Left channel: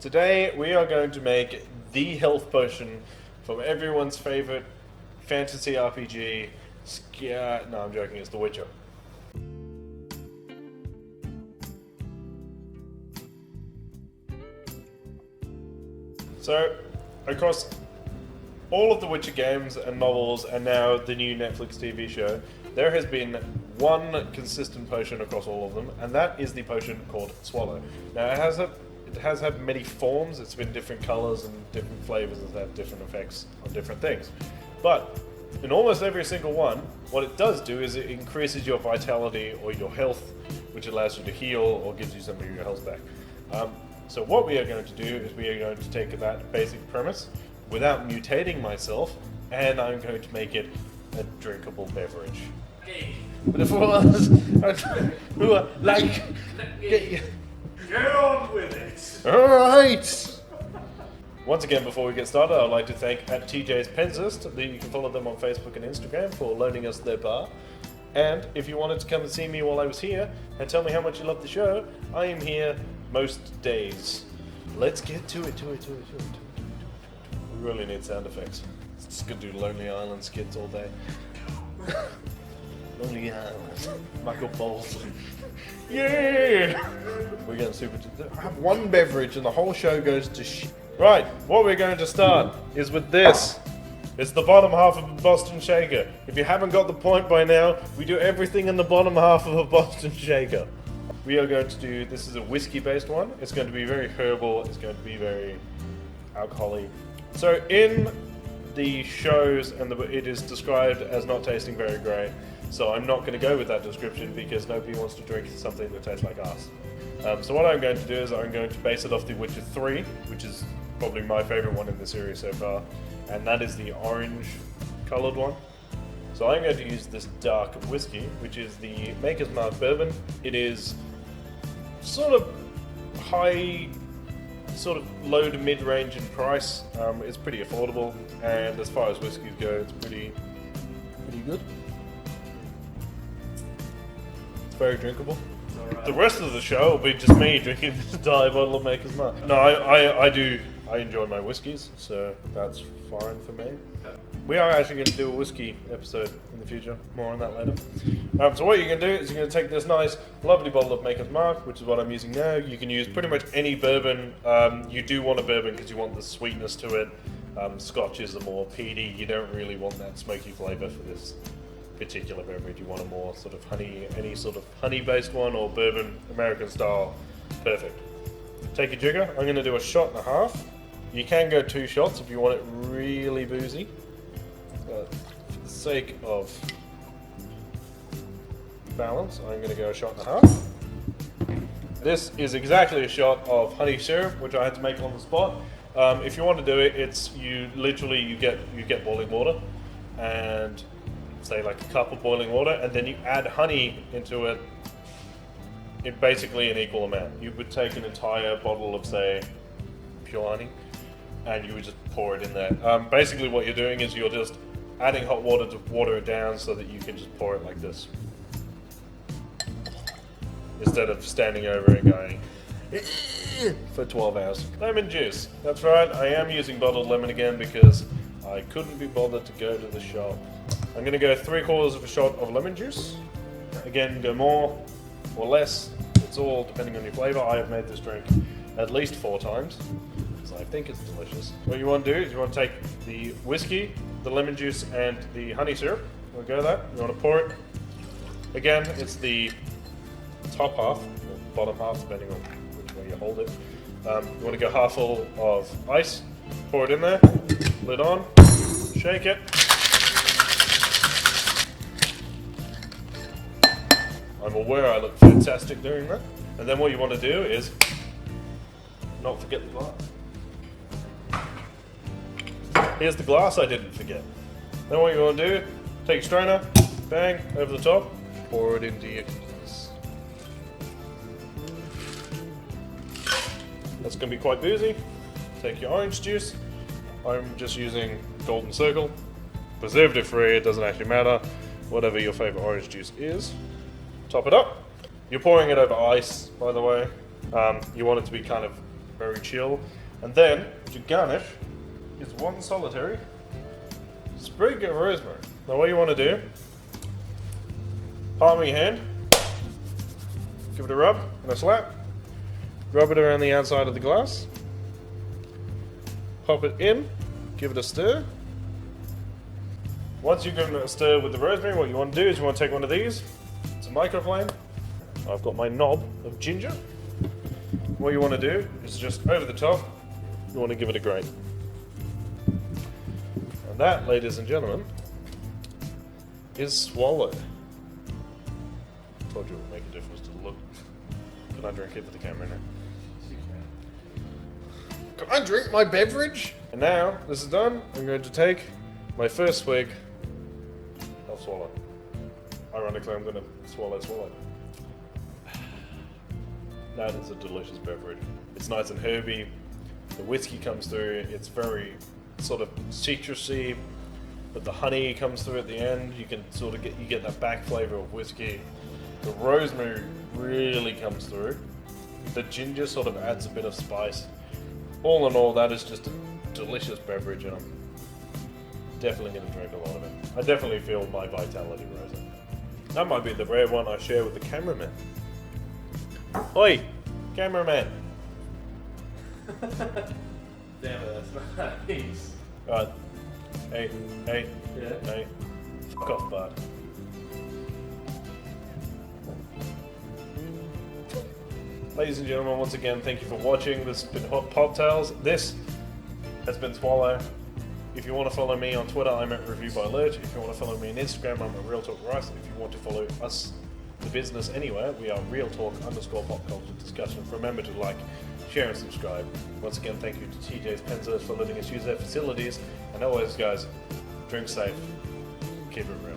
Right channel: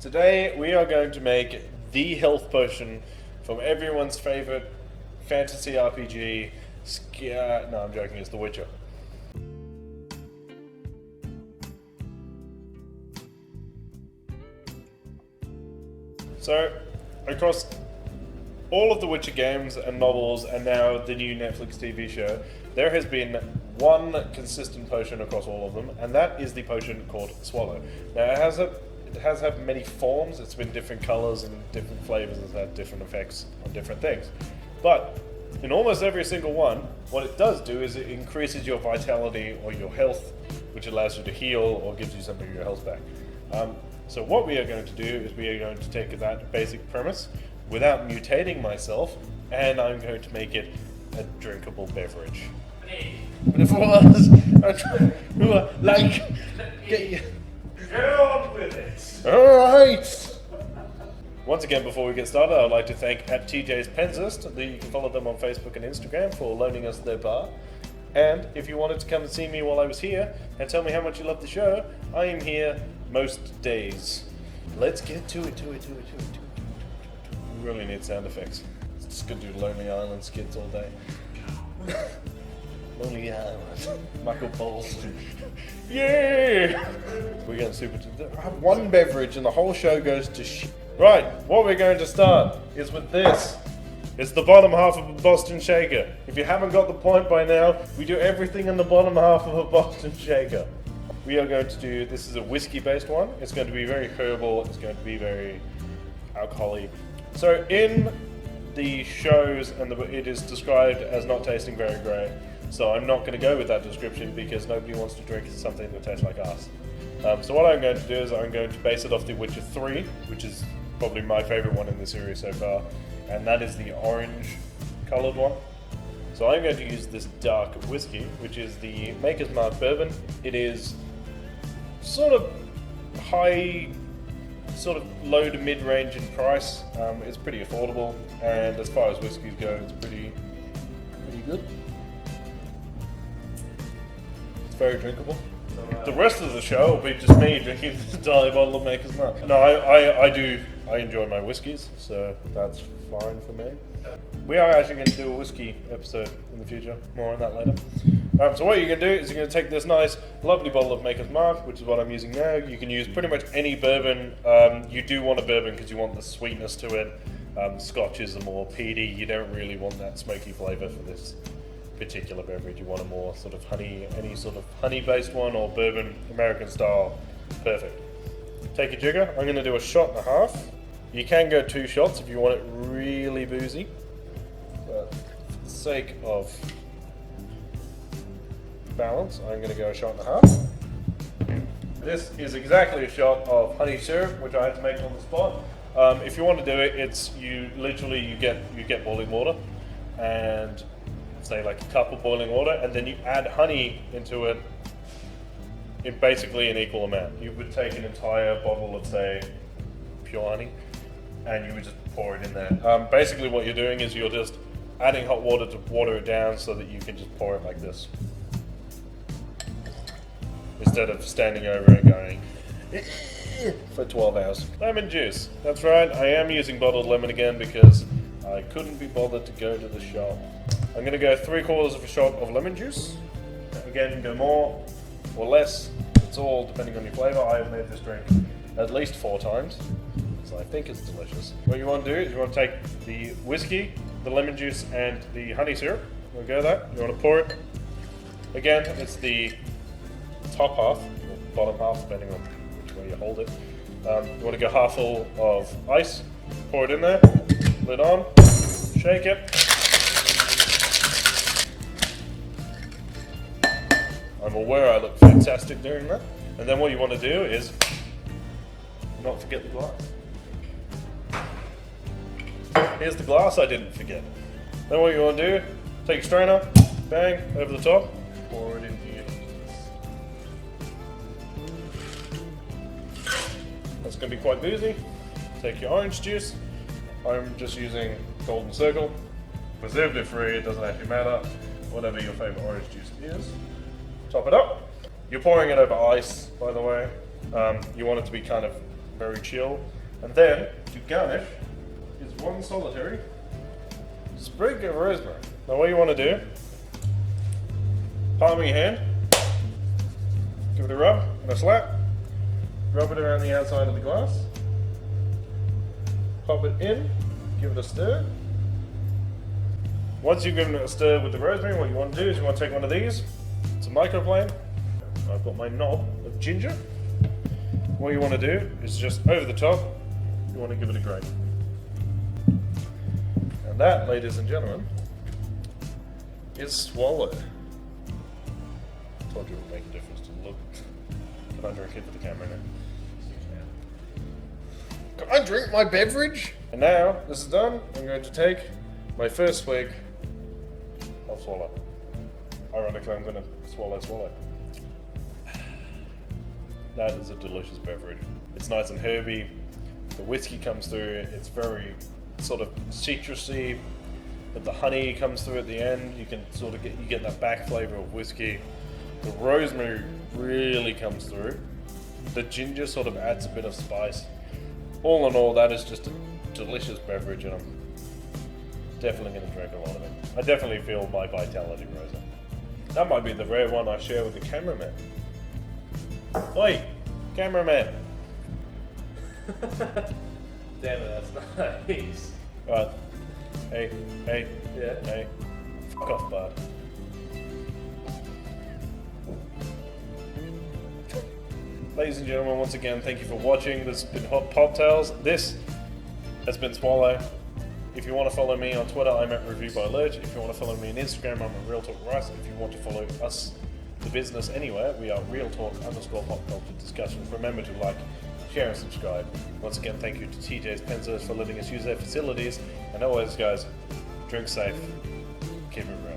Today we are going to make the health potion from everyone's favorite fantasy RPG. No, I'm joking. It's The Witcher. So, across all of the Witcher games and novels, and now the new Netflix TV show, there has been one consistent potion across all of them, and that is the potion called Swallow. Now, it has had many forms. It's been different colors and different flavors. It's had different effects on different things. But in almost every single one, what it does do is it increases your vitality or your health, which allows you to heal or gives you some of your health back. So what we are going to do is we are going to take that basic premise without mutating myself, and I'm going to make it a drinkable beverage. But if I was who are like, Get on with it! alright! Once again, before we get started, I'd like to thank @TJ's Pensist. You can follow them on Facebook and Instagram for loaning us their bar. And if you wanted to come and see me while I was here and tell me how much you love the show, I am here most days. Let's get to it. We really need sound effects. Just gonna do Lonely Island skits all day. Lonely Island. Michael Bowles. Yeah! We're getting super. I have one beverage and the whole show goes to shit. Right, what we're going to start is with this. It's the bottom half of a Boston Shaker. If you haven't got the point by now, we do everything in the bottom half of a Boston Shaker. We are going to do, this is a whiskey based one. It's going to be very herbal, it's going to be very alcoholic. So in the shows, it is described as not tasting very great. So I'm not going to go with that description because nobody wants to drink something that tastes like us. So what I'm going to do is I'm going to base it off The Witcher 3, which is probably my favorite one in the series so far. And that is the orange colored one. So I'm going to use this dark whiskey, which is the Maker's Mark bourbon. It is sort of high, sort of low to mid-range in price. It's pretty affordable, and as far as whiskeys go, it's pretty good. It's very drinkable. The rest of the show will be just me drinking this entire bottle of Maker's Mark. No, I enjoy my whiskies, so that's fine for me. We are actually going to do a whiskey episode in the future. More on that later. So what you're going to do is you're going to take this nice, lovely bottle of Maker's Mark, which is what I'm using now. You can use pretty much any bourbon. You do want a bourbon because you want the sweetness to it. Scotches are more peaty. You don't really want that smoky flavour for this particular beverage. You want a more sort of honey, any sort of honey-based one or bourbon, American style. Perfect. Take your jigger. I'm going to do a shot and a half. You can go 2 shots if you want it really boozy. For the sake of balance, I'm going to go a shot and a half. This is exactly a shot of honey syrup, which I had to make on the spot. If you want to do it, it's you get boiling water, and say like a cup of boiling water, and then you add honey into it in basically an equal amount. You would take an entire bottle of, say, pure honey, and you would just pour it in there. Basically what you're doing is you're just adding hot water to water it down so that you can just pour it like this. Instead of standing over it going for 12 hours. Lemon juice. That's right, I am using bottled lemon again because I couldn't be bothered to go to the shop. I'm going to go 3/4 of a shot of lemon juice. Again, go more or less. It's all depending on your flavour. I have made this drink at least 4 times, so I think it's delicious. What you want to do is you want to take the whiskey, the lemon juice, and the honey syrup. You want to go that. You want to pour it. Again, it's the top half, or bottom half, depending on which way you hold it. You want to go half full of ice. Pour it in there. Lid on. Shake it. I'm aware I look fantastic doing that. And then what you want to do is not forget the glass. Here's the glass I didn't forget. Then what you want to do, take your strainer, bang, over the top, pour it into your glass. That's going to be quite boozy. Take your orange juice. I'm just using Golden Circle. Preservative free, it doesn't actually matter. Whatever your favourite orange juice is. Top it up. You're pouring it over ice, by the way. You want it to be kind of very chill. And then, to garnish, is one solitary sprig of rosemary. Now what you want to do, palm of your hand, give it a rub and a slap, rub it around the outside of the glass, pop it in, give it a stir. Once you've given it a stir with the rosemary, what you want to do is you want to take one of these, it's a microflame. I've got my knob of ginger. What you want to do is just over the top, you want to give it a grate. And that, ladies and gentlemen, is Swallow. Told you it would make a difference to the look. Can I drink it for the camera now? Can I drink my beverage? And now this is done, I'm going to take my first swig of Swallow. Ironically, I'm going to swallow. That is a delicious beverage. It's nice and herby. The whiskey comes through. It's very sort of citrusy, but the honey comes through at the end. You can sort of get that back flavor of whiskey. The rosemary really comes through. The ginger sort of adds a bit of spice. All in all, that is just a delicious beverage, and I'm definitely going to drink a lot of it. I definitely feel my vitality rising. That might be the rare one I share with the cameraman. Oi, cameraman. Damn it, that's nice. Right. Hey. Yeah. Hey. Fuck off, bud. Ladies and gentlemen, once again, thank you for watching. This has been Hot Poptails. This has been Swallow. If you want to follow me on Twitter, I'm at Review by Lurch. If you want to follow me on Instagram, I'm at Real Talk Rice. If you want to follow us, the business, anywhere, we are Real Talk_pop culture discussions. Remember to like, share, and subscribe. Once again, thank you to TJ's Penzos for letting us use their facilities. And always, guys, drink safe, keep it real.